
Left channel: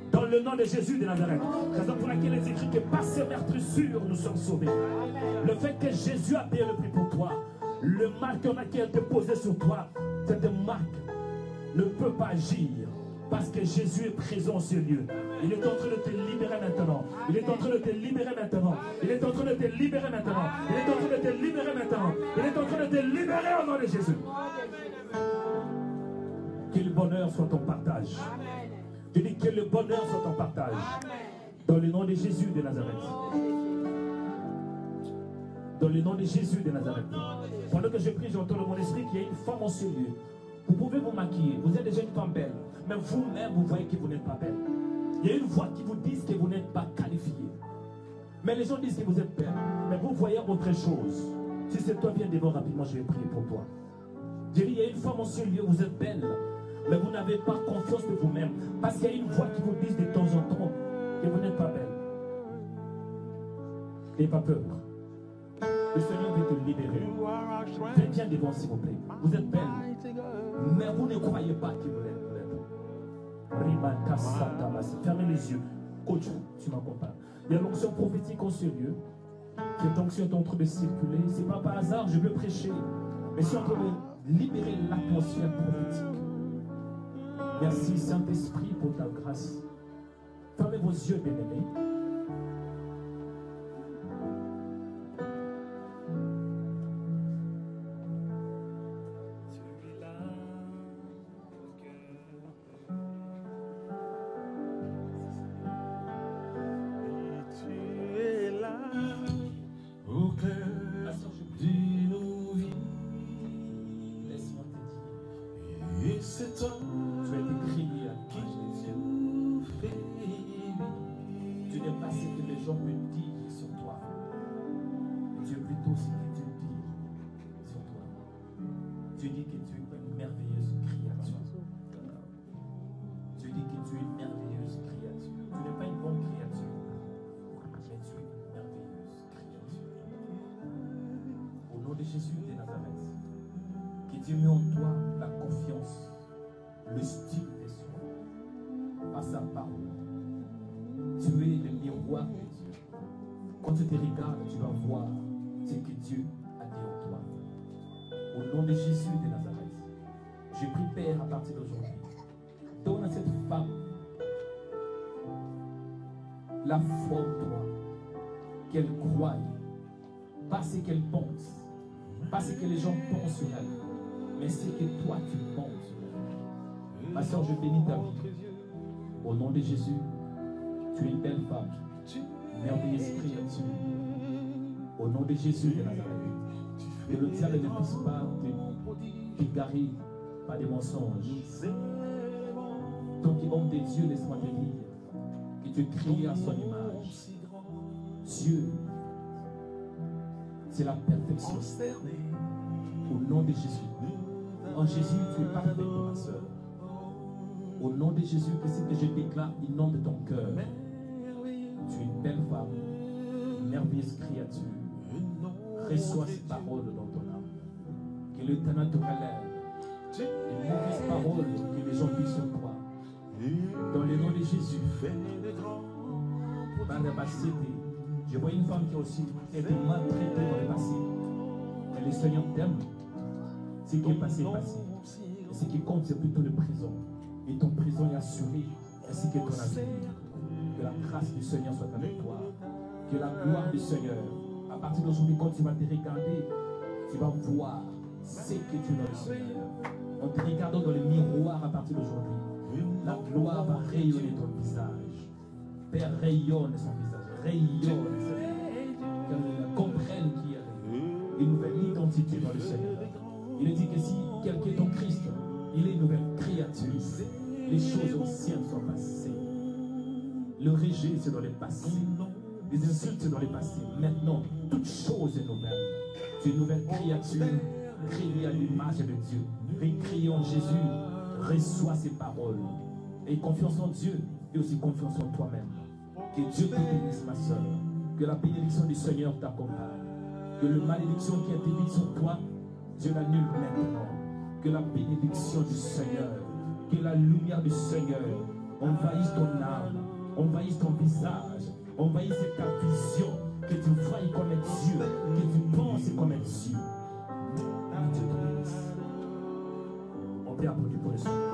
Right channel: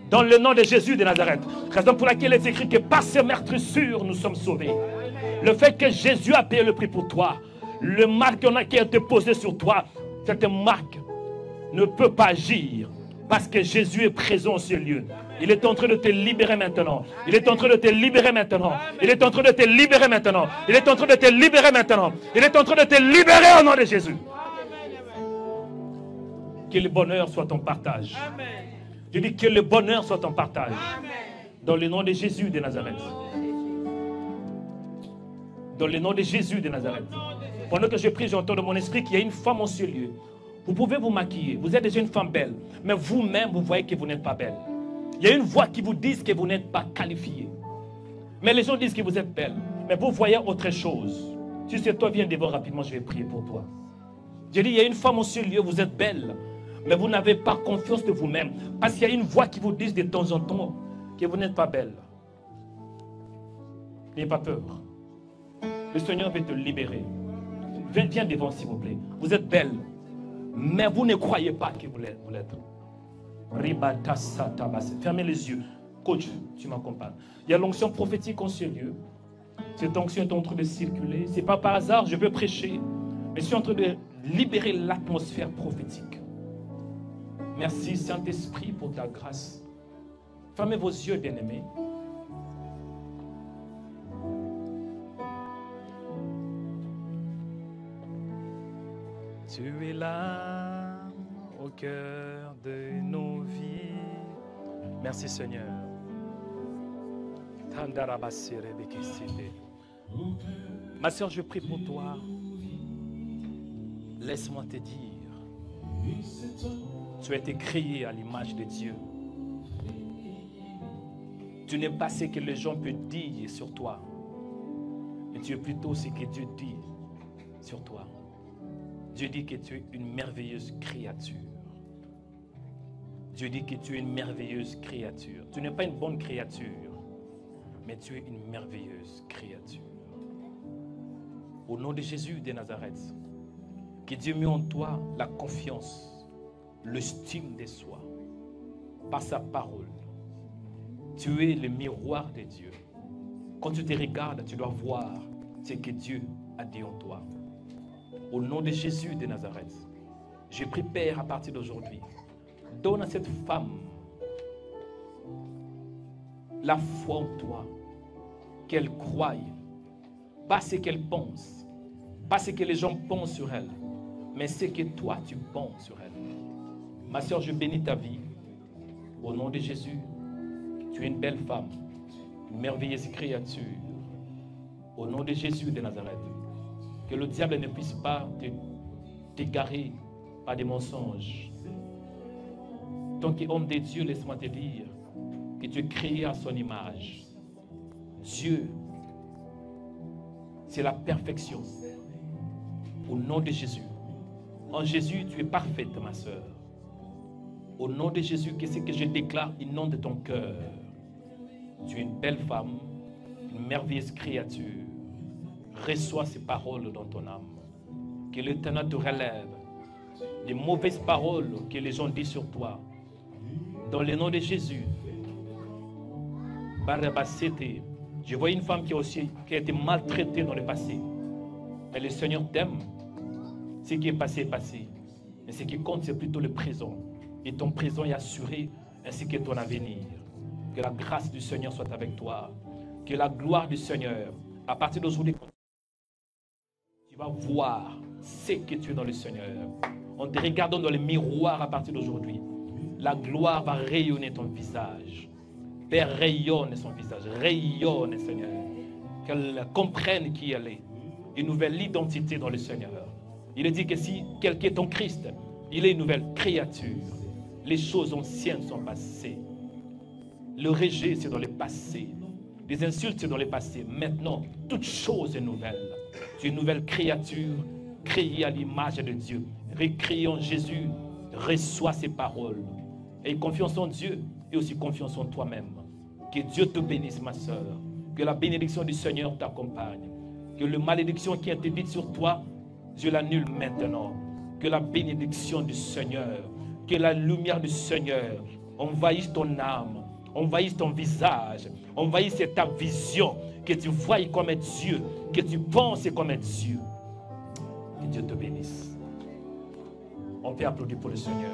Dans le nom de Jésus de Nazareth. Raison pour laquelle il est écrit que par ces meurtrissures, nous sommes sauvés. Le fait que Jésus a payé le prix pour toi, le marque qui a été posé sur toi, cette marque ne peut pas agir parce que Jésus est présent sur ce lieu. Il est en train de te libérer maintenant. Il est en train de te libérer maintenant. Il est en train de te libérer maintenant. Il est en train de te libérer maintenant. Il est en train de te libérer au nom de Jésus. Que le bonheur soit ton partage. Je dis que le bonheur soit ton partage. Dans le nom de Jésus de Nazareth. Dans le nom de Jésus de Nazareth. Pendant que je prie, j'entends de mon esprit qu'il y a une femme en ce lieu. Vous pouvez vous maquiller. Vous êtes déjà une femme belle. Mais vous-même, vous voyez que vous n'êtes pas belle. Il y a une voix qui vous dit que vous n'êtes pas qualifié. Mais les gens disent que vous êtes belle. Mais vous voyez autre chose. Si c'est toi, viens devant rapidement, je vais prier pour toi. Je dis, il y a une femme en ce lieu, vous êtes belle. Mais vous n'avez pas confiance de vous-même. Parce qu'il y a une voix qui vous dit de temps en temps que vous n'êtes pas belle. N'ayez pas peur. Le Seigneur va te libérer. Viens devant, s'il vous plaît. Vous êtes belle. Mais vous ne croyez pas que vous l'êtes. Fermez les yeux. Coach, tu m'accompagnes. Il y a l'onction prophétique en ce lieu. Cette onction est en train de circuler. Ce n'est pas par hasard, je veux prêcher. Mais je suis en train de libérer l'atmosphère prophétique. Merci Saint-Esprit pour ta grâce. Fermez vos yeux, bien-aimés. Tu es là au cœur de nos vies. Merci Seigneur. Ma soeur, je prie pour toi. Laisse-moi te dire, tu as été créé à l'image de Dieu. Tu n'es pas ce que les gens peuvent dire sur toi, mais tu es plutôt ce que Dieu dit sur toi. Dieu dit que tu es une merveilleuse créature. Dieu dit que tu es une merveilleuse créature. Tu n'es pas une bonne créature, mais tu es une merveilleuse créature. Au nom de Jésus de Nazareth, que Dieu met en toi la confiance, l'estime de soi, par sa parole. Tu es le miroir de Dieu. Quand tu te regardes, tu dois voir ce que Dieu a dit en toi. Au nom de Jésus de Nazareth, je prie, Père, à partir d'aujourd'hui, donne à cette femme la foi en toi, qu'elle croie, pas ce qu'elle pense, pas ce que les gens pensent sur elle, mais ce que toi tu penses sur elle. Ma soeur, je bénis ta vie. Au nom de Jésus, tu es une belle femme, une merveilleuse créature. Au nom de Jésus de Nazareth, que le diable ne puisse pas t'égarer par des mensonges. Tant qu'homme de Dieu, laisse-moi te dire que tu es créé à son image. Dieu, c'est la perfection. Au nom de Jésus. En Jésus, tu es parfaite, ma soeur. Au nom de Jésus, qu'est-ce que je déclare inonde ton cœur. Tu es une belle femme, une merveilleuse créature. Reçois ces paroles dans ton âme. Que l'Éternel te relève les mauvaises paroles que les gens disent sur toi. Dans le nom de Jésus. Je vois une femme qui a été maltraitée dans le passé. Mais le Seigneur t'aime. Ce qui est passé est passé. Mais ce qui compte, c'est plutôt le présent. Et ton présent est assuré, ainsi que ton avenir. Que la grâce du Seigneur soit avec toi. Que la gloire du Seigneur, à partir d'aujourd'hui, quand tu vas te regarder, tu vas voir ce que tu es dans le Seigneur. En te regardant dans le miroir à partir d'aujourd'hui, la gloire va rayonner ton visage. Père, rayonne son visage. Rayonne, Seigneur. Qu'elle comprenne qui elle est. Une nouvelle identité dans le Seigneur. Il est dit que si quelqu'un est en Christ, il est une nouvelle créature. Les choses anciennes sont passées. Le rejet, c'est dans le passé. Les insultes, c'est dans le passé. Maintenant, toute chose est nouvelle. Tu es une nouvelle créature, créée à l'image de Dieu. Recréée en Jésus, reçois ses paroles. Et confiance en Dieu. et aussi confiance en toi-même. Que Dieu te bénisse, ma soeur. Que la bénédiction du Seigneur t'accompagne. Que la malédiction qui a été dite sur toi, je l'annule maintenant. Que la bénédiction du Seigneur, que la lumière du Seigneur envahisse ton âme, envahisse ton visage, envahisse ta vision, que tu voies comme un Dieu, que tu penses comme un Dieu. Que Dieu te bénisse. On peut applaudir pour le Seigneur.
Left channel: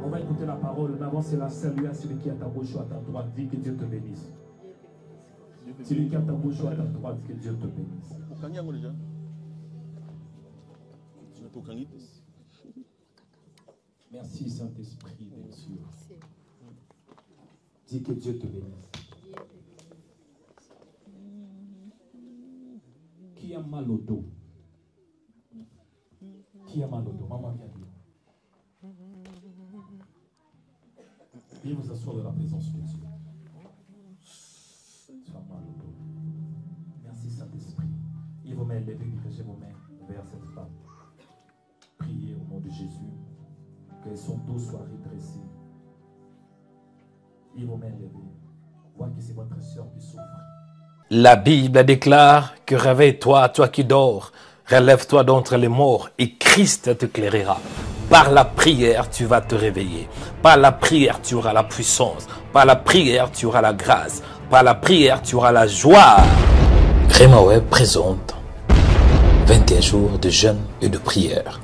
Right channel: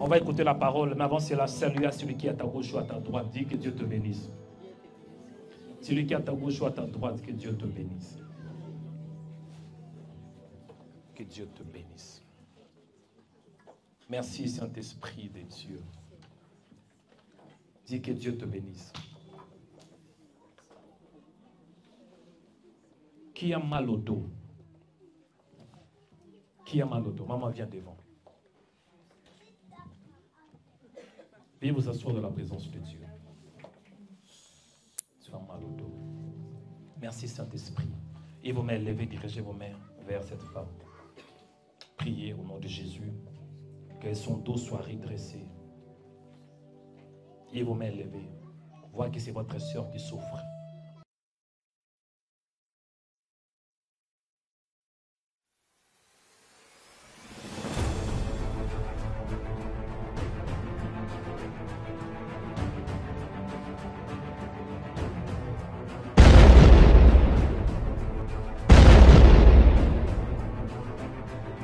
On va écouter la parole, mais avant cela, salue à celui qui est à ta gauche ou à ta droite. Dis que Dieu te bénisse. Celui qui est à ta gauche ou à ta droite, que Dieu te bénisse. Que Dieu te bénisse. Merci Saint-Esprit de Dieu. Dis que Dieu te bénisse. Qui a mal au dos? Qui a mal au dos? Maman, viens devant. Veuillez vous asseoir de la présence de Dieu. Tu as mal au dos. Merci Saint-Esprit. Et vos mains levées, dirigez vos mains vers cette femme. Priez au nom de Jésus. Que son dos soit redressé. Et vos mains levées. Vois que c'est votre soeur qui souffre. La Bible déclare que réveille-toi, toi qui dors. Relève-toi d'entre les morts et Christ t'éclairera. Par la prière, tu vas te réveiller. Par la prière, tu auras la puissance. Par la prière, tu auras la grâce. Par la prière, tu auras la joie. Rema Web présente 21 jours de jeûne et de prière.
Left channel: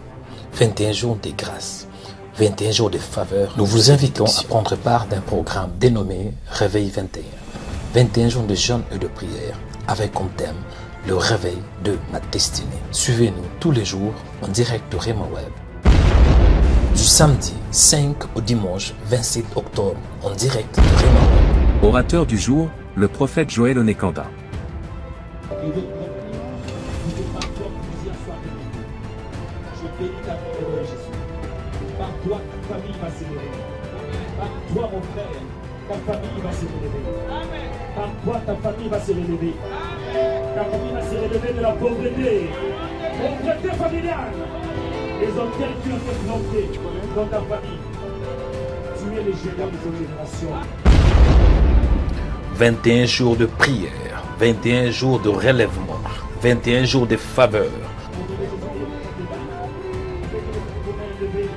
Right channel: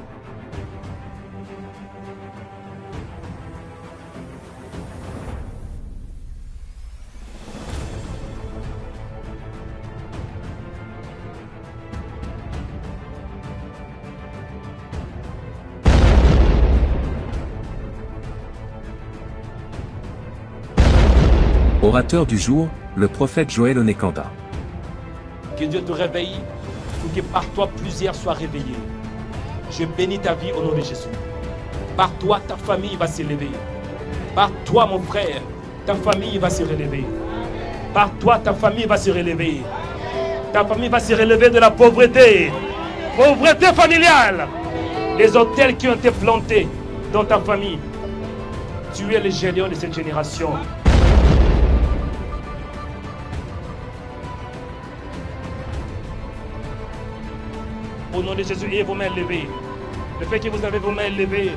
21 jours de grâce. 21 jours de faveur. Nous vous invitons à prendre part d'un programme dénommé Réveil 21. 21 jours de jeûne et de prière avec comme thème le réveil de ma destinée. Suivez-nous tous les jours en direct de Rema Web. Du samedi 5 au dimanche 27 octobre en direct de Rema Web. Orateur du jour, le prophète Joël Onekanda. Que Dieu te réveille pour que par toi plusieurs soient réveillés. Je bénis ta vie au nom de Jésus. Par toi, ta famille va s'élever. Par toi, mon frère, ta famille va se relever. Par toi, ta famille va se relever. Ta famille va se relever de la pauvreté. Pauvreté familiale. Les hôtels qui ont été plantés dans ta famille. Tu es le géant de cette génération. 21 jours de prière. 21 jours de relèvement. 21 jours de faveur. Au nom de Jésus, ayez vos mains levées. Le fait que vous avez vos mains levées,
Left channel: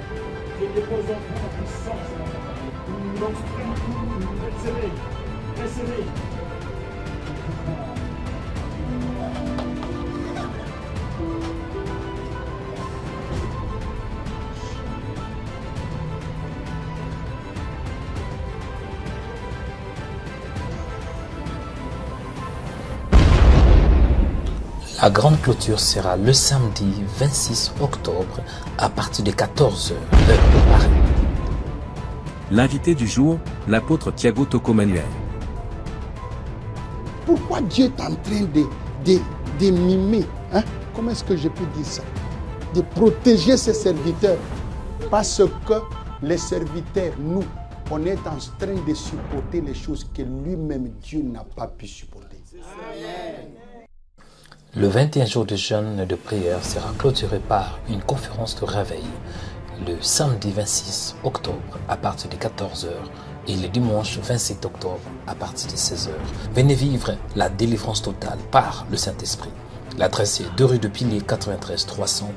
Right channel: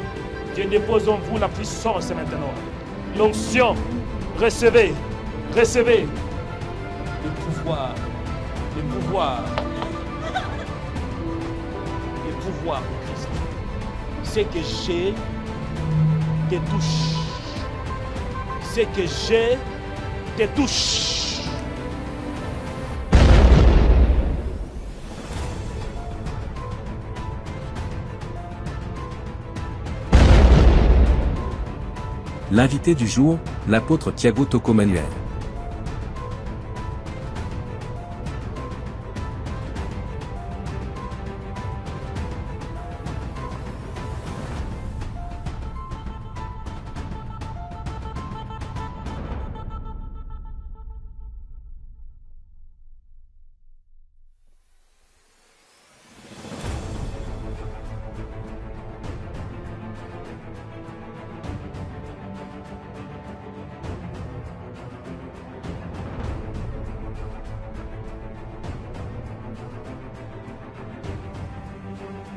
Dieu dépose en vous la puissance maintenant. L'onction. Recevez. Recevez. Le pouvoir. Le pouvoir. Le pouvoir. Ce que j'ai te touche. Ce que j'ai te touche. La grande clôture sera le samedi 26 octobre à partir de 14h. L'invité du jour, l'apôtre Thiago Tocomanuel. Pourquoi Dieu est en train de mimer, hein? Comment est-ce que je peux dire ça? De protéger ses serviteurs. Parce que les serviteurs, nous, on est en train de supporter les choses que lui-même Dieu n'a pas pu supporter. Le 21 jours de jeûne et de prière sera clôturé par une conférence de réveil le samedi 26 octobre à partir de 14h et le dimanche 27 octobre à partir de 16h. Venez vivre la délivrance totale par le Saint-Esprit. L'adresse est 2 rue de Pilier 93 300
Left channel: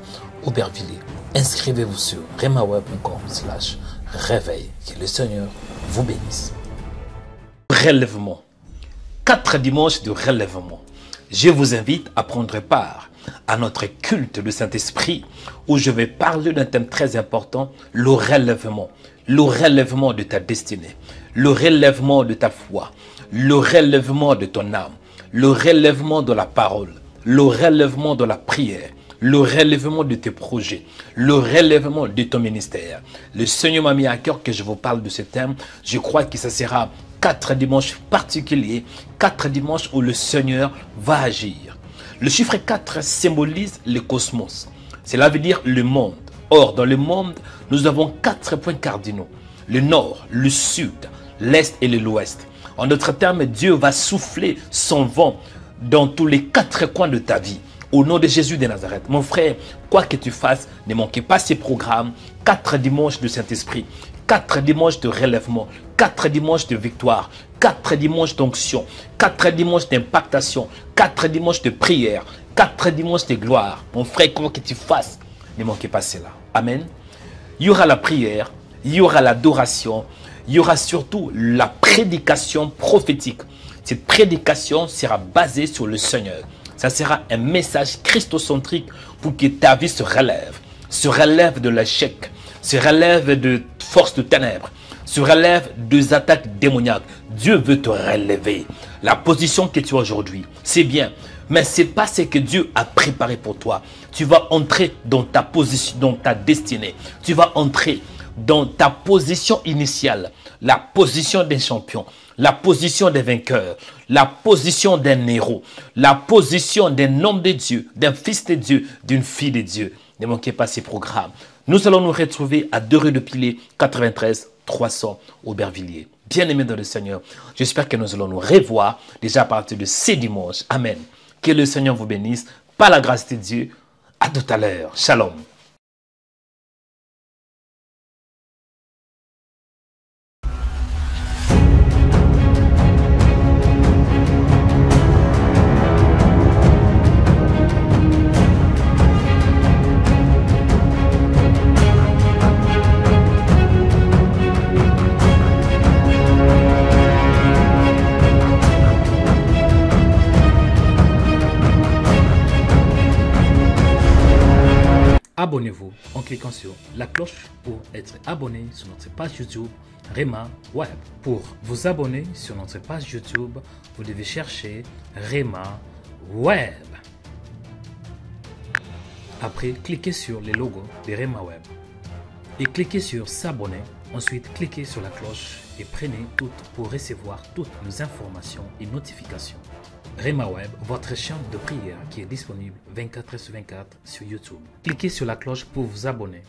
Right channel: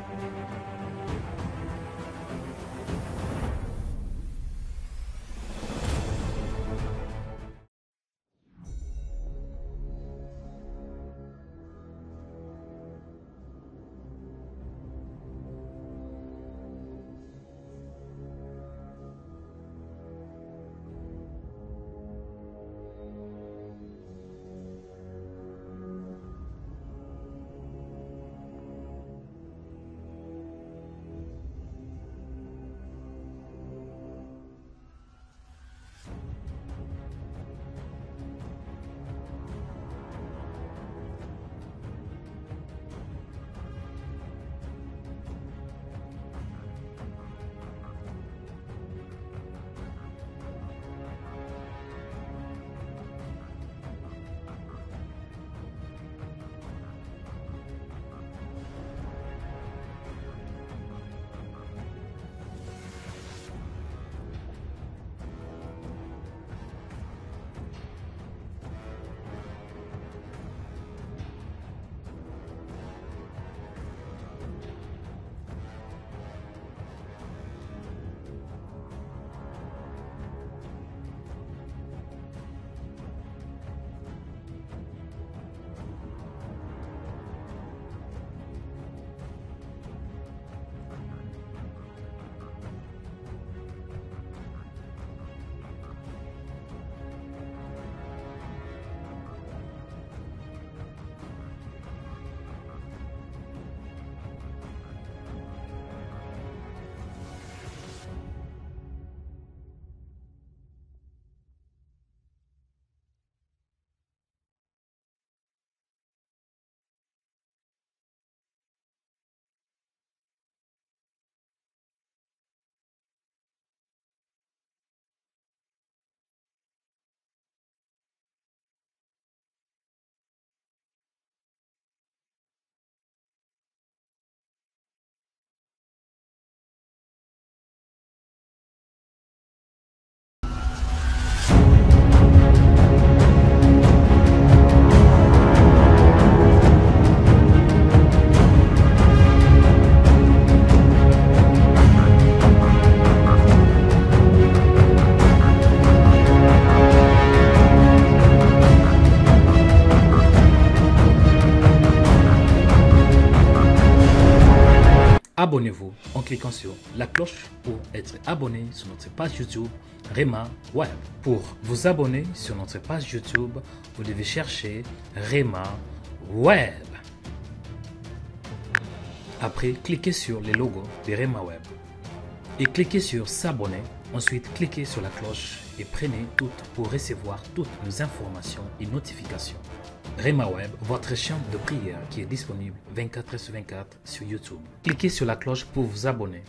Aubervilliers. Inscrivez-vous sur remaweb.com/réveil. Que le Seigneur vous bénisse. Relèvement. 4 dimanches de relèvement. Je vous invite à prendre part à notre culte de Saint-Esprit où je vais parler d'un thème très important, le relèvement. Le relèvement de ta destinée, le relèvement de ta foi, le relèvement de ton âme, le relèvement de la parole, le relèvement de la prière, le relèvement de tes projets, le relèvement de ton ministère. Le Seigneur m'a mis à cœur que je vous parle de ce thème. Je crois que ce sera 4 dimanches particuliers, 4 dimanches où le Seigneur va agir. Le chiffre 4 symbolise le cosmos. Cela veut dire le monde. Or, dans le monde, nous avons 4 points cardinaux. Le nord, le sud, l'est et l'ouest. En d'autres termes, Dieu va souffler son vent dans tous les 4 coins de ta vie. Au nom de Jésus de Nazareth. Mon frère, quoi que tu fasses, ne manquez pas ces programmes. 4 dimanches du Saint-Esprit, 4 dimanches de relèvement, 4 dimanches de victoire, 4 dimanches d'onction, 4 dimanches d'impactation, 4 dimanches de prière, 4 dimanches de gloire. Mon frère, quoi que tu fasses, ne manquez pas cela. Amen. Il y aura la prière, il y aura l'adoration, il y aura surtout la prédication prophétique. Cette prédication sera basée sur le Seigneur. Ça sera un message christocentrique pour que ta vie se relève de l'échec, se relève de forces de ténèbres, se relève des attaques démoniaques. Dieu veut te relever. La position que tu as aujourd'hui, c'est bien, mais ce n'est pas ce que Dieu a préparé pour toi. Tu vas entrer dans ta position, dans ta destinée. Tu vas entrer dans ta position initiale, la position d'un champion, la position des vainqueurs, la position d'un héros, la position d'un homme de Dieu, d'un fils de Dieu, d'une fille de Dieu. Ne manquez pas ces programmes. Nous allons nous retrouver à 2 rue de Pilet, 93 300 Aubervilliers. Bien-aimés dans le Seigneur, j'espère que nous allons nous revoir déjà à partir de ce dimanche. Amen. Que le Seigneur vous bénisse. Par la grâce de Dieu, à tout à l'heure. Shalom. Abonnez-vous en cliquant sur la cloche pour être abonné sur notre page YouTube Rema Web. Pour vous abonner sur notre page YouTube, vous devez chercher Rema Web. Après, cliquez sur le logo de Rema Web et cliquez sur s'abonner. Ensuite, cliquez sur la cloche et prenez toutes pour recevoir toutes nos informations et notifications. Rema Web, votre chaîne de prière qui est disponible 24h sur 24 sur YouTube. Cliquez sur la cloche pour vous abonner.